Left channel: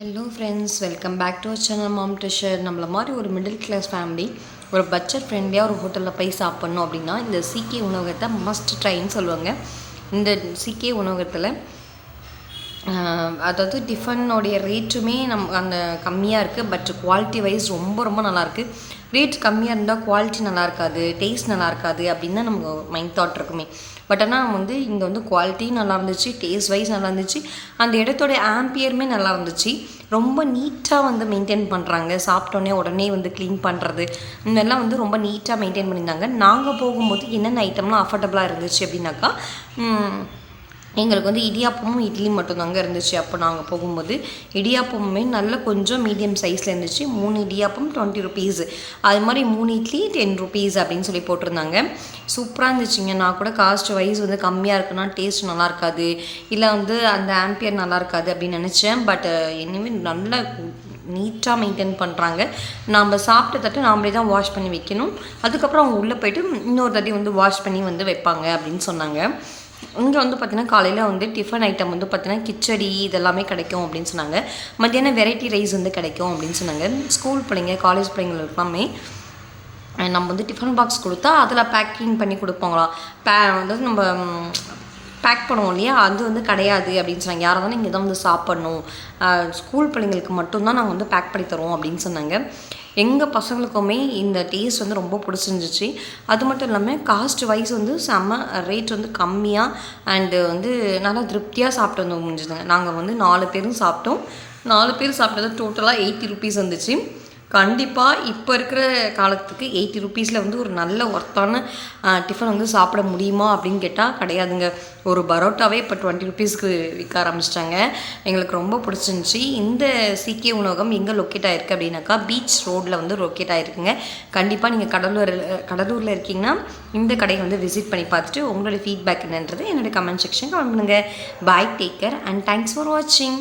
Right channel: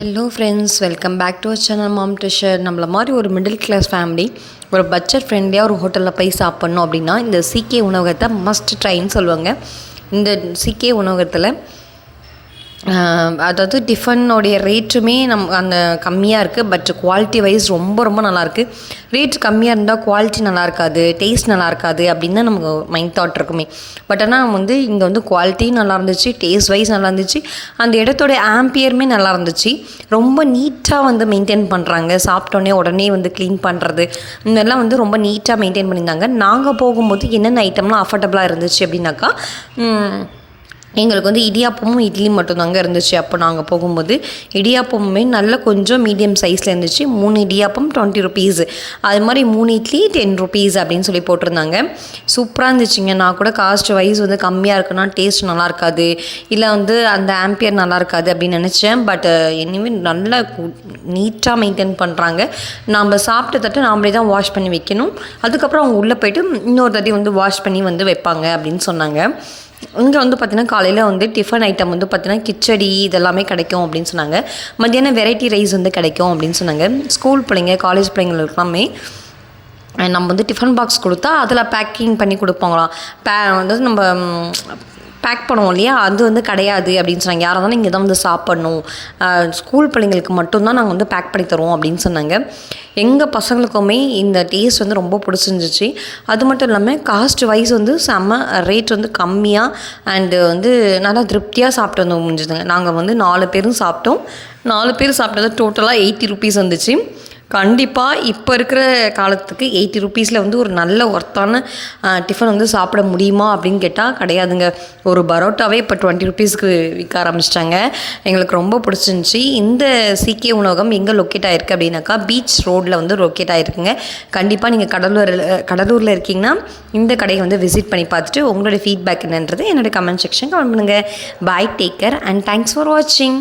Hello friends, welcome back to channel mom treasure. நம்மள மாதிரி ஒரு மிடில் கிளாஸ் ஃபேமிலி ஒரு பட்ஜெட் ஃப்ரெண்ட்லியாக ஒரு ஹோட்டலில் போய் சாப்பிட்ணும் அப்படின்னா இந்த சிகே உணவகத்தை மஸ்ட் ட்ரைன்னு சொல்லுவாங்க. இந்த சிகே உணவகத்தில் அதாவது டிஃபனுடைய ரேட்டுமே அந்த கம்மியாக இருக்குது. பட் குவாலிட்டி வைஸ் ரொம்ப ரொம்ப நல்லாயிருக்கு. ரேட் கம்மியாக இருந்தால் குவாலிட்டி நல்லா இருக்காது, டேஸ்ட் நல்லா இருக்காது அப்படின்னு தான் நமக்கு மைண்ட் தாட் இருக்குமே. பட் ஆனால் இங்கே குவாலிட்டியும் நல்லா இருந்துச்சு, டேஸ்ட் வைஸ் நல்லா இருந்துச்சு, அந்த இடத்தோட ஆம்பியருமே நல்லா இருந்துச்சு. ரொம்ப நீட்டாக மெயின்டைன் பண்ணுறாங்க. சாப்பிட்டோன்னே உடனே க்ளீன் பண்ணுறது இதெல்லாம் ரொம்ப நீட்டாக மெயின்டைன் பண்ணியிருந்தாங்க. நாங்கள் போகும்போது என்னென்ன ஐட்டம்லாம் அஃபோர்டபுளாக இருந்துச்சு அப்படின்னாக்கா, எங்களுக்கு இடியாப்பமும் இட்லியும் மட்டும்தாங்க இருந்துச்சு. அப்போ நாங்கள் போகும்போது இடியாப்பமுமே நல்ல கொஞ்சம் மீடியம் சைஸில் இருந்துச்சு. 3 இடியாப்பம் 20 ருபீஸ், அது மாதிரி 3 இட்லி 10 ருபீஸ் அப்படின்னு சொல்லி போட்டிருந்தாங்க. சூப்பராக இருந்துச்சுங்க. நான் கூட காஸ்ட் வைஸ் கம்மியாக இருக்குன்னா டேஸ்ட் நல்லா இருக்காது, இல்லை அந்த ஆம்பியர் நல்லா இருக்காது அப்படின்னு நினச்சேன். பட் எனிவே நல்லா நீட்டாக மெயின்டைன் பண்ணுறாங்க. நம்ம சாப்பிட்ட தட்டு நாமளே தான் வாஷ் பண்ணி வைக்கணும். அதுக்கப்புறம் அவங்க உள்ளே போய்ட்டு இன்னொரு தட்டி வாஷ் பண்ணி வைப்பாங்க அப்படின்னு சொன்னாங்க. இங்கே பார்த்திங்கன்னா காலையில் டிஃபன் ஐட்டம் பார்த்திங்கன்னா கிச்சடி இதெல்லாமே கிடைக்கும் அப்படின்னு சொன்னாங்க. மத்தியானம் வெரைட்டி ரைஸ் கிடைக்கும் அப்படின்னு சொன்னாங்க. ஸ்கூல் பிள்ளைங்க, காலேஜ் பிள்ளைங்களுக்குலாமே நம்ம டிஃபன் பாக்ஸ் கொடுத்தா அதில் பேக்கிங் பண்ணி கொடுப்பாங்களாம். நம்ம பேக் பண்ணுவோம் இல்லையா, அது கிடையாது அப்படின்னு சொன்னாங்க. யாராக இருந்தாலும் இங்கே தான் சாப்பிட்ணும், ஸ்கூல் பிள்ளைங்களுக்கு மட்டும்தான் நாங்கள் பேக் பண்ணி தருவோம் அப்படின்னு சொன்னாங்க. எங்கள் பசங்களுக்குமே இந்த டேஸ்ட் ரொம்ப பிடிச்சிருந்துச்சு. அது மட்டும் இல்லாமல் காஸ்ட் வைஸ் செம்ம ரேட் கம்மியாக அண்டு நல்லா திருப்தியாக சாப்பிட்டு முடிஞ்சுதுங்க. நாங்கள் 4 பேரும் சாப்பிட்டோம். 4 பேர் சாப்பிட்டது டோட்டலாக 80 ருபீஸ் வந்துச்சு. கண்டிப்பாக இப்போ இருக்கிற காலத்துக்கு 80 ருபீஸில் ஒரு நல்ல ஒர்த்தான டிஃபன் சாப்பிட முடியுமா அப்படின்னு கேட்டால் கிடையாதுங்க. ஒரு பரோட்டாவே இப்போ 20 ருபீஸ்க்கு விற்க ஆரம்பிச்சிட்டாங்க. எங்களுக்கு ரொம்ப பிடிச்சிருந்துச்சி. இந்த சிகே உணவகம் எங்கே லொக்கேட் ஆகிருக்கு அப்படின்னாக்கா பீச் ரோட்டில் லொக்கேட் ஆகிருக்குங்க. கண்டிப்பாக நீங்கள் கடலூரில் இருக்கீங்கன்னா இந்த கடையை விசிட் பண்ணி பார்த்துட்டு உங்களோட ஃபீட்பேக் என்னன்றது என்னோடய கமெண்ட் செக்ஷன் கமெண்ட் பண்ணுங்கள். Bye, take care and thanks for வாட்சிங்.